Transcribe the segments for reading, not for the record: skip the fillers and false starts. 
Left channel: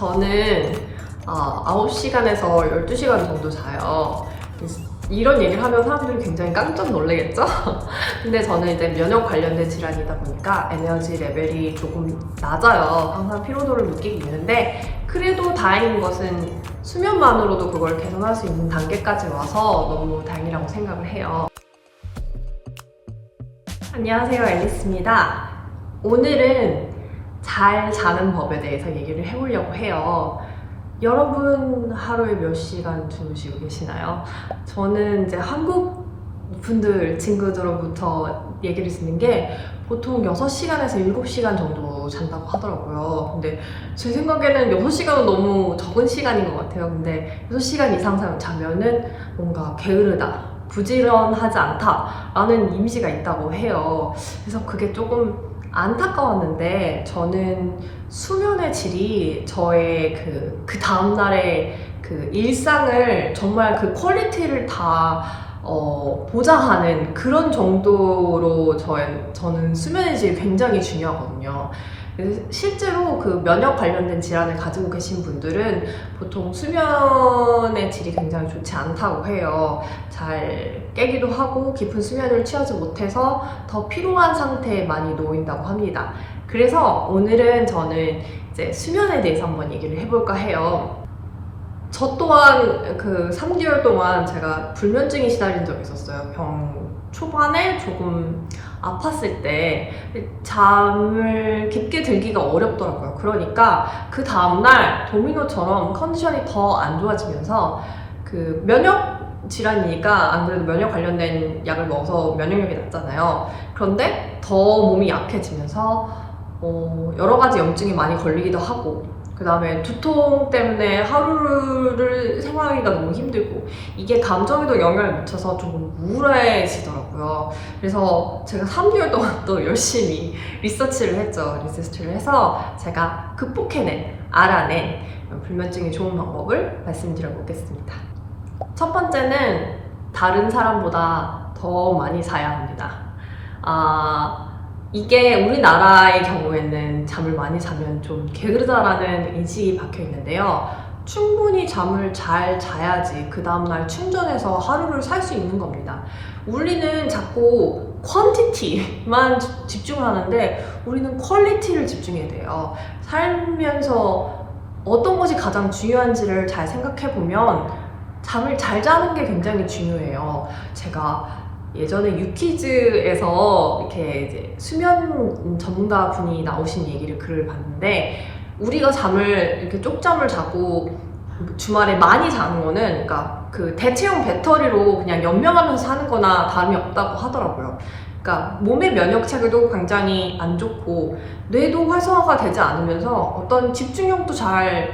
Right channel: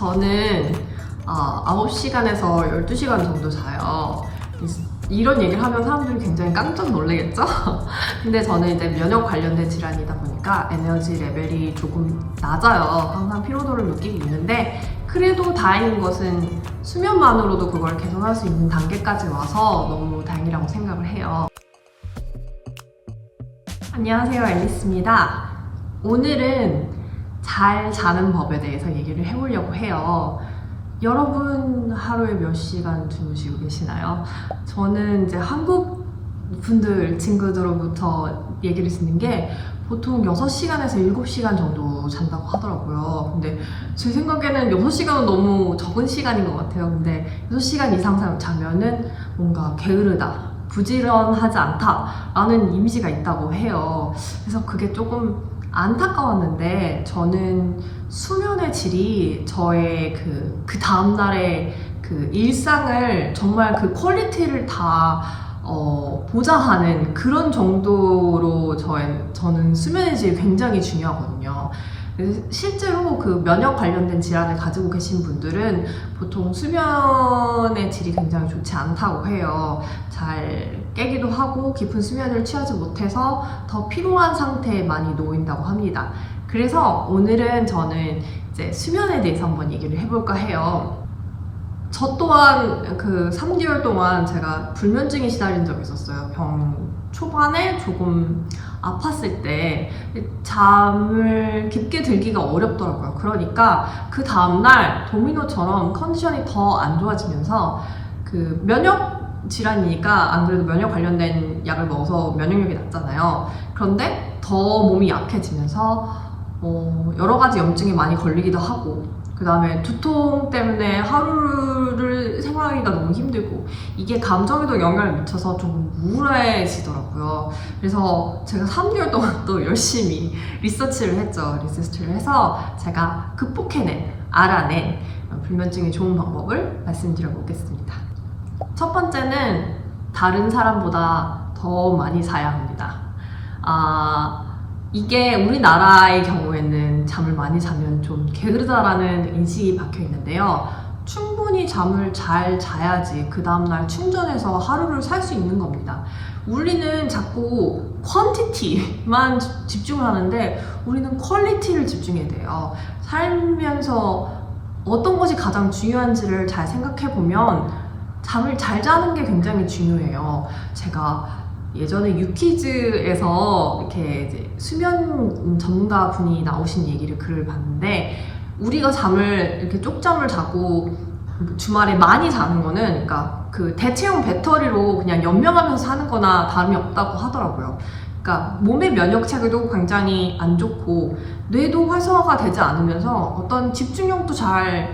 저는 9시간에서 12시간 정도 자요. 이런 얘기를 하면 사람들이 굉장히 깜짝 놀라겠죠? 근데 저는 이제 면역 관련된 질환이다 보니까 에너지 레벨이 조금 낮아요. 항상 피로도를 느끼고 있는데 그래도 다행인 것은 수면만으로도 그걸 개선할 수 있는 단계까지 와서 너무 다행이라고 생각을 해요. 안녕하세요, 앨리스입니다. 오늘은 잘 자는 법에 대해서 얘기를 해보려고 해요. 여러분 하루에 몇 시간 주무시고 계시나요? 저는 이제 한국 분들, 친구들로부터 얘기를 듣는 게 보통 6시간에서 7시간 정도 잔다고 하더라고요. 근데 제 생각에는 6시간은 너무 적은 시간인 것 같아요. 근데 6시간 이상 자면은 뭔가 게으르다, 부지런하지 않다라는 이미지가 있다고 해요. 그래서 그게 조금 안타까웠는데 저는 수면의 질이 저의 그 다음날의 그 일상을 정말 그 퀄리티를 다 보장하는 그런 정도로 저는 수면의 질이 굉장히 중요하거든요. 실제로 그 면역 관련된 질환을 가지고 계신 분들은 보통 수면의 질이 굉장히 좋지 않다고 해요. 잘 깨기도 하고 깊은 수면을 취하지 못해서 더 피로한 상태에 많이 놓인다고 합니다. 그래서 오늘은 저는 이제 수면에 대해서 한번 얘기를 해볼까 해요. 저 또한 그 3개월 동안 제가 불면증에 시달린 적이 있었어요. 병 초반에 조금 아팠을 때 잠을 깊게 들기가 어렵더라고요. 그러니까 그 다음날 도미노처럼 컨디션이 더 안 좋아지면서 그 면역 질환이니까 안 그래도 면역 관련된 약을 먹어서 면역력이 낮잖아요. 그런데 더 몸이 약해지면서 여러 가지 염증이 많이 걸리기도 하고 그 다음에 두통 때문에 하루를 생활하기가 너무 힘들고 이게 감정에도 영향을 미쳐서 조금 우울해지더라고요. 그래서 제가 3개월 동안 또 열심히 리서치를 해서 제가 알아낸 불면증이 좋은 방법을 말씀드려 보겠습니다. 첫 번째는 다른 사람보다 더 많이 자야 합니다. 이게 우리나라의 경우에는 잠을 많이 자면 좀 게으르다라는 인식이 박혀 있는데요. 충분히 잠을 잘 자야지 그 다음날 충전해서 하루를 살 수 있는 겁니다. 우리는 자꾸 퀀티티만 집중을 하는데 우리는 퀄리티를 집중해야 돼요. 살면서 어떤 것이 가장 중요한지를 잘 생각해 보면 잠을 잘 자는 게 굉장히 중요해요. 제가 예전에 유퀴즈에서 이렇게 이제 수면 전문가 분이 나오신 글을 봤는데 우리가 잠을 이렇게 쪽잠을 자고 주말에 많이 자는 거는 그러니까 그 대체형 배터리로 그냥 연명하면서 사는 거나 다름이 없다고 하더라고요. 그러니까 몸의 면역 체계도 굉장히 안 좋고 뇌도 활성화가 되지 않으면서 어떤 집중력도 잘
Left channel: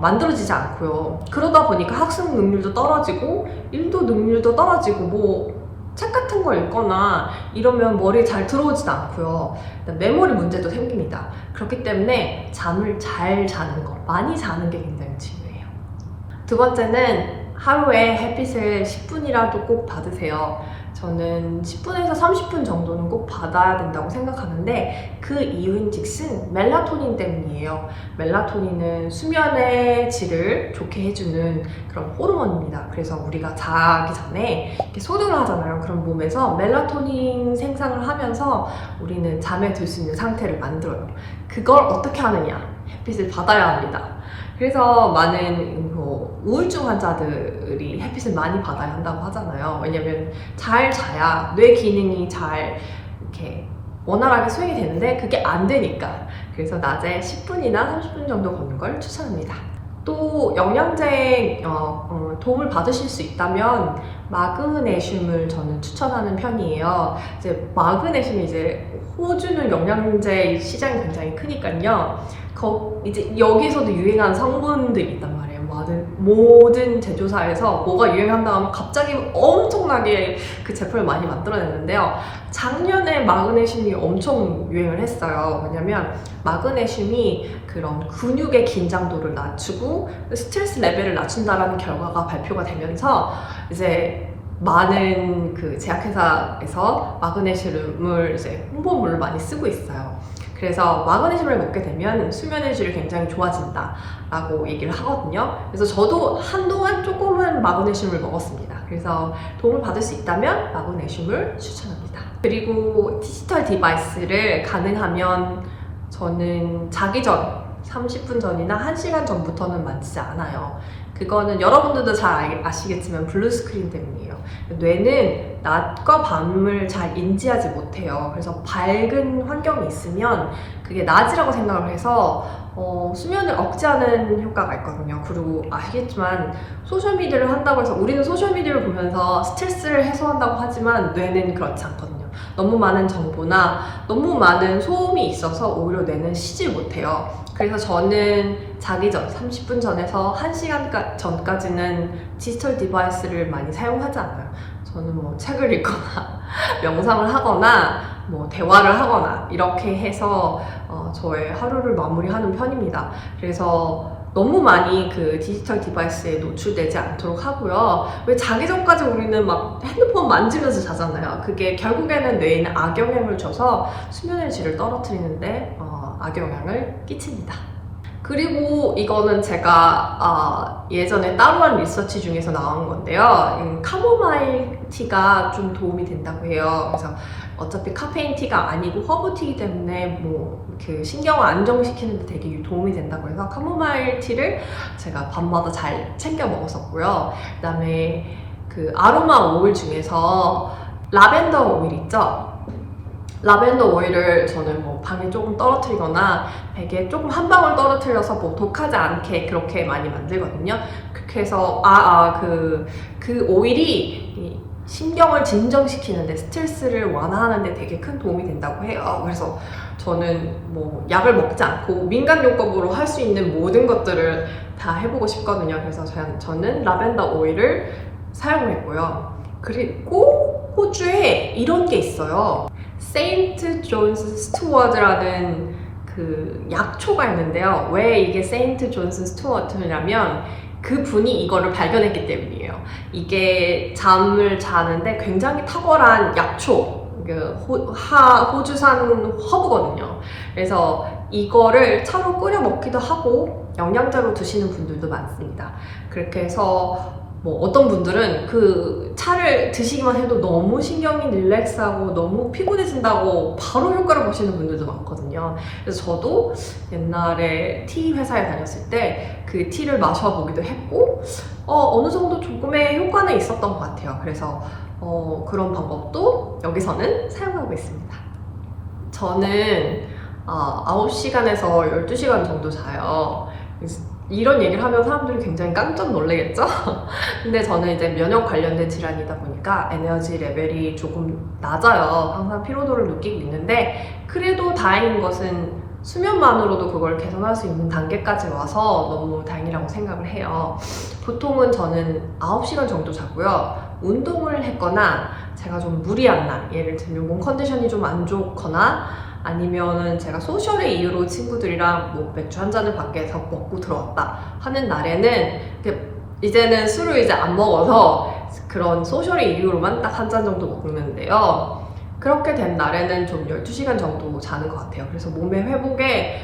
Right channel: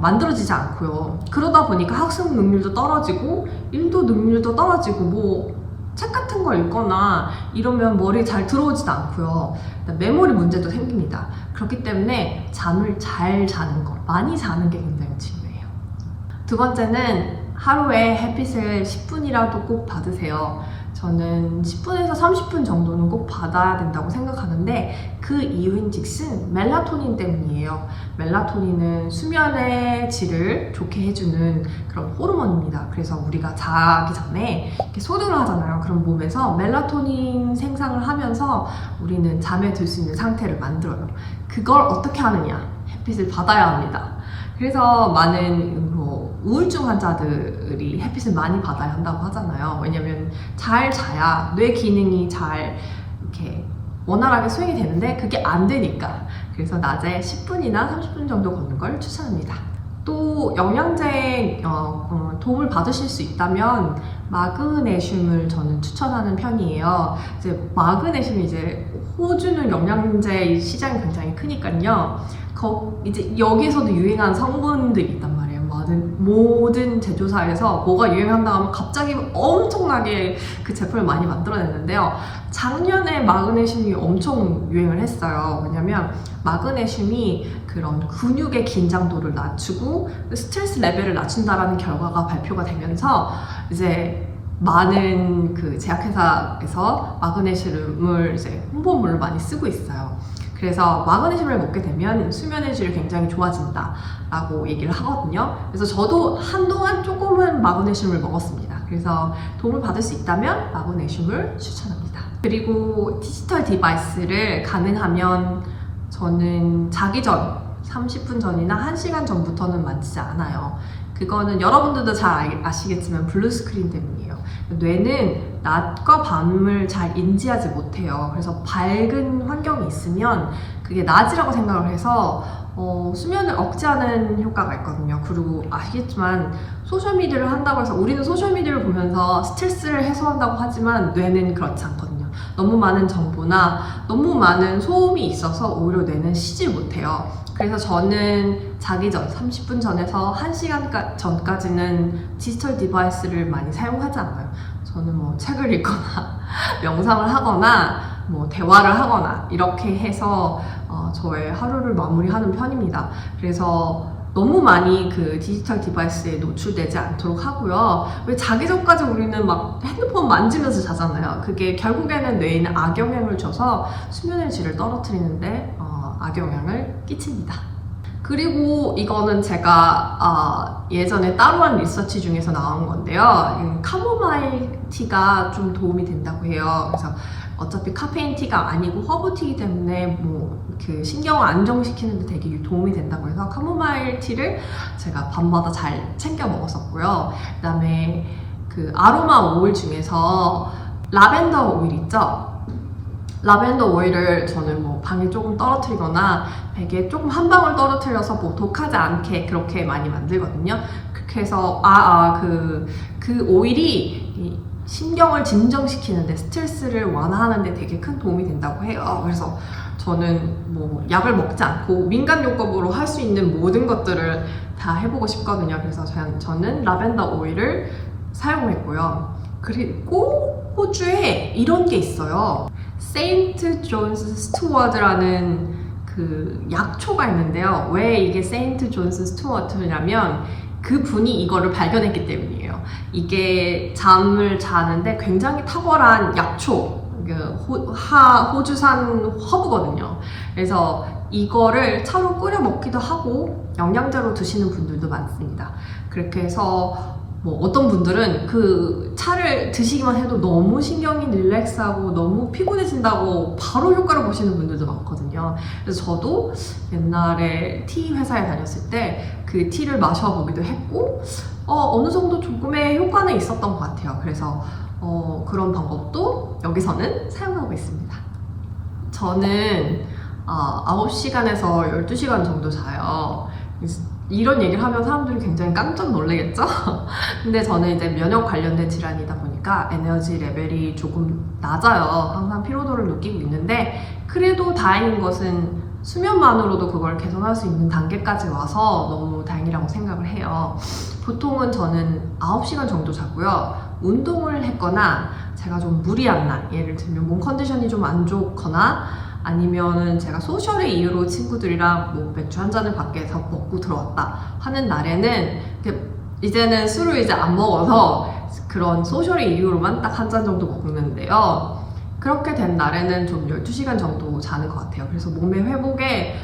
만들어지지 않고요. 그러다 보니까 학습 능률도 떨어지고 일도 능률도 떨어지고 책 같은 거 읽거나 이러면 머리에 잘 들어오지도 않고요. 메모리 문제도 생깁니다. 그렇기 때문에 잠을 잘 자는 거, 많이 자는 게 굉장히 중요해요. 두 번째는 하루에 햇빛을 10분이라도 꼭 받으세요. 저는 10분에서 30분 정도는 꼭 받아야 된다고 생각하는데 그 이유인즉슨 멜라토닌 때문이에요. 멜라토닌은 수면의 질을 좋게 해주는 그런 호르몬입니다. 그래서 우리가 자기 전에 이렇게 소등을 하잖아요. 그럼 몸에서 멜라토닌 생산을 하면서 우리는 잠에 들 수 있는 상태를 만들어요. 그걸 어떻게 하느냐? 햇빛을 받아야 합니다. 그래서 많은 우울증 환자들이 햇빛을 많이 받아야 한다고 하잖아요. 왜냐면 잘 자야 뇌 기능이 잘 이렇게 원활하게 수행이 되는데 그게 안 되니까. 그래서 낮에 10분이나 30분 정도 걷는 걸 추천합니다. 또 영양제 도움을 받으실 수 있다면 마그네슘을 저는 추천하는 편이에요. 이제 마그네슘이 이제 호주는 영양제 시장이 굉장히 크니까요. 이제 여기서도 유행한 성분들이 있단 말이에요. 모든 제조사에서 뭐가 유행한다고 하면 갑자기 엄청나게 그 제품을 많이 만들어냈는데요. 작년에 마그네슘이 엄청 유행을 했어요. 왜냐면 마그네슘이 그런 근육의 긴장도를 낮추고 스트레스 레벨을 낮춘다라는 결과가 발표가 되면서 이제 많은 그 제약회사에서 마그네슘을 이제 홍보물로 많이 쓰고 있어요. 그래서 마그네슘을 먹게 되면 수면의 질이 굉장히 좋아진다 라고 얘기를 하거든요. 그래서 저도 한동안 조금은 마그네슘을 먹었습니다. 그래서 도움을 받을 수 있다면 마그네슘을 추천합니다. 그리고 디지털 디바이스를 가능하면 저는 자기 전 30분 전이나 1시간 전부터는 만지지 않아요. 그거는 여러분들도 잘 아시겠지만 블루 스크린 때문이에요. 뇌는 낮과 밤을 잘 인지하지 못해요. 그래서 밝은 환경이 있으면 그게 낮이라고 생각을 해서 수면을 억제하는 효과가 있거든요. 그리고 아시겠지만 소셜미디어를 한다고 해서 우리는 소셜미디어를 보면서 스트레스를 해소한다고 하지만 뇌는 그렇지 않거든요. 너무 많은 정보나 너무 많은 소음이 있어서 오히려 뇌는 쉬지 못해요. 그래서 저는 자기 전 30분 전에서 1시간 전까지는 디지털 디바이스를 많이 사용하지 않아요. 저는 뭐 책을 읽거나 명상을 하거나 뭐 대화를 하거나 이렇게 해서 저의 하루를 마무리하는 편입니다. 그래서 너무 많이 그 디지털 디바이스에 노출되지 않도록 하고요. 왜 자기 전까지 우리는 막 핸드폰 만지면서 자잖아요. 그게 결국에는 뇌에 악영향을 줘서 수면의 질을 떨어뜨리는데 악영향을 끼칩니다. 그리고 이거는 제가 예전에 따로 한 리서치 중에서 나온 건데요. 카모마일 티가 좀 도움이 된다고 해요. 그래서 어차피 카페인 티가 아니고 허브티이기 때문에 뭐 그 신경을 안정시키는 데 되게 도움이 된다고 해서 카모마일 티를 제가 밤마다 잘 챙겨 먹었었고요. 그다음에 그 아로마 오일 중에서 라벤더 오일 있죠? 라벤더 오일을 저는 뭐 방에 조금 떨어뜨리거나 베개에 조금 한 방울 떨어뜨려서 뭐 독하지 않게 그렇게 많이 만들거든요. 그렇게 해서 그 오일이 신경을 진정시키는데 스트레스를 완화하는데 되게 큰 도움이 된다고 해요. 그래서 저는 뭐 약을 먹지 않고 민간요법으로 할 수 있는 모든 것들을 다 해보고 싶거든요. 그래서 저는 라벤더 오일을 사용했고요. 그리고 호주에 이런 게 있어요. 세인트 존스 스튜어드라는 그 약초가 있는데요. 왜 이게 세인트 존스 스튜어드냐면 그 분이 이거를 발견했기 때문이에요. 이게 잠을 자는데 굉장히 탁월한 약초, 호주산 허브거든요. 그래서 이거를 차로 끓여 먹기도 하고 영양제로 드시는 분들도 많습니다. 그렇게 해서 뭐 어떤 분들은 그 차를 드시기만 해도 너무 신경이 릴렉스하고 너무 피곤해진다고 바로 효과를 보시는 분들도 많거든요. 그래서 저도 옛날에 티 회사에 다녔을 때 그 티를 마셔보기도 했고 어느 정도 조금의 효과는 있었던 것 같아요. 그래서 그런 방법도 여기서는 사용하고 있습니다. 저는 9시간에서 12시간 정도 자요. 이런 얘기를 하면 사람들이 굉장히 깜짝 놀라겠죠? 근데 저는 이제 면역 관련된 질환이다 보니까 에너지 레벨이 조금 낮아요. 항상 피로도를 느끼고 있는데 그래도 다행인 것은 수면만으로도 그걸 개선할 수 있는 단계까지 와서 너무 다행이라고 생각을 해요. 보통은 저는 9시간 정도 자고요. 운동을 했거나 제가 좀 무리한 날, 예를 들면 몸 컨디션이 좀 안 좋거나 아니면은 제가 소셜의 이유로 친구들이랑 뭐 맥주 한 잔을 밖에서 먹고 들어왔다 하는 날에는 이제는 술을 이제 안 먹어서 그런 소셜의 이유로만 딱 한 잔 정도 먹는데요. 그렇게 된 날에는 좀 12시간 정도 자는 것 같아요. 그래서 몸의 회복에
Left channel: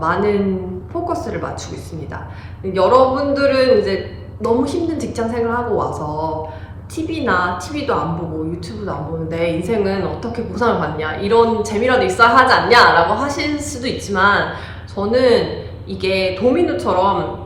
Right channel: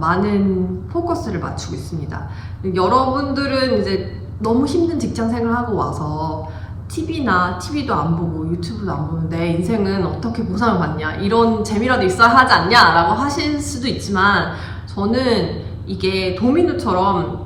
많은 포커스를 맞추고 있습니다. 여러분들은 이제 너무 힘든 직장 생활하고 와서 TV도 안 보고 유튜브도 안 보는데 인생은 어떻게 보상을 받냐, 이런 재미라도 있어야 하지 않냐 라고 하실 수도 있지만 저는 이게 도미노처럼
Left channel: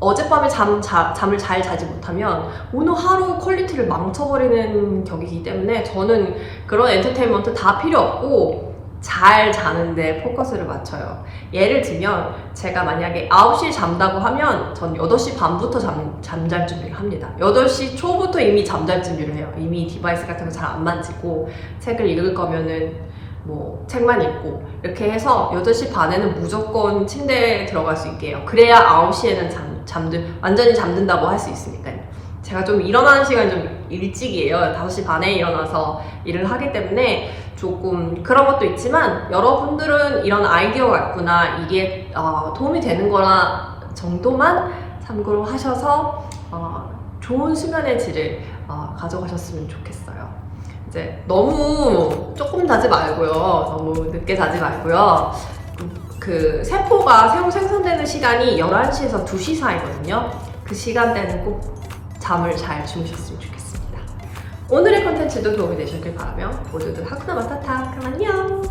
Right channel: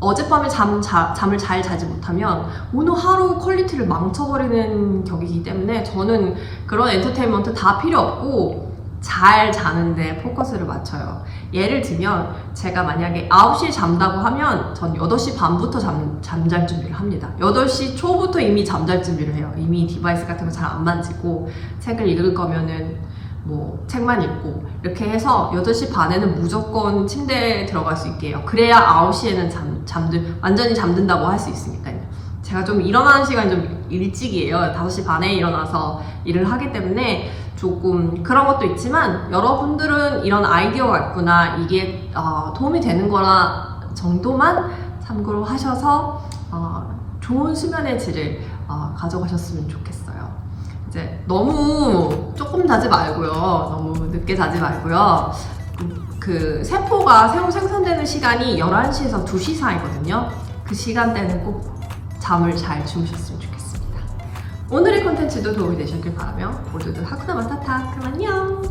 어젯밤에 잠을 잘 자지 못하면 오늘 하루 퀄리티를 망쳐버리는 격이기 때문에 저는 그런 엔터테인먼트 다 필요 없고 잘 자는데 포커스를 맞춰요. 예를 들면 제가 만약에 9시에 잔다고 하면 전 8시 반부터 잠잘 준비를 합니다. 8시 초부터 이미 잠잘 준비를 해요. 이미 디바이스 같은 거 잘 안 만지고 책을 읽을 거면은 뭐 책만 읽고 이렇게 해서 8시 반에는 무조건 침대에 들어갈 수 있게 해요. 그래야 9시에는 완전히 잠든다고 할 수 있으니까요. 제가 좀 일어나는 시간이 좀 일찍이에요. 5시 반에 일어나서 일을 하기 때문에 조금 그런 것도 있지만 여러분들은 이런 아이디어가 있구나, 이게 도움이 되는 거나 정도만 참고로 하셔서 좋은 수면의 질을 가져가셨으면 좋겠어요. 이제 너무 조금 자지 말고요. 너무 늦게 자지 말고요. 그 세포가 새로 생성되는 시간이 11시에서 2시 사이거든요. 그 시간대는 꼭 잠을 잘 주무셨으면 좋겠습니다. 오늘의 컨텐츠도 도움이 되셨길 바라며 모두들 하쿠나 마타타 그럼 안녕!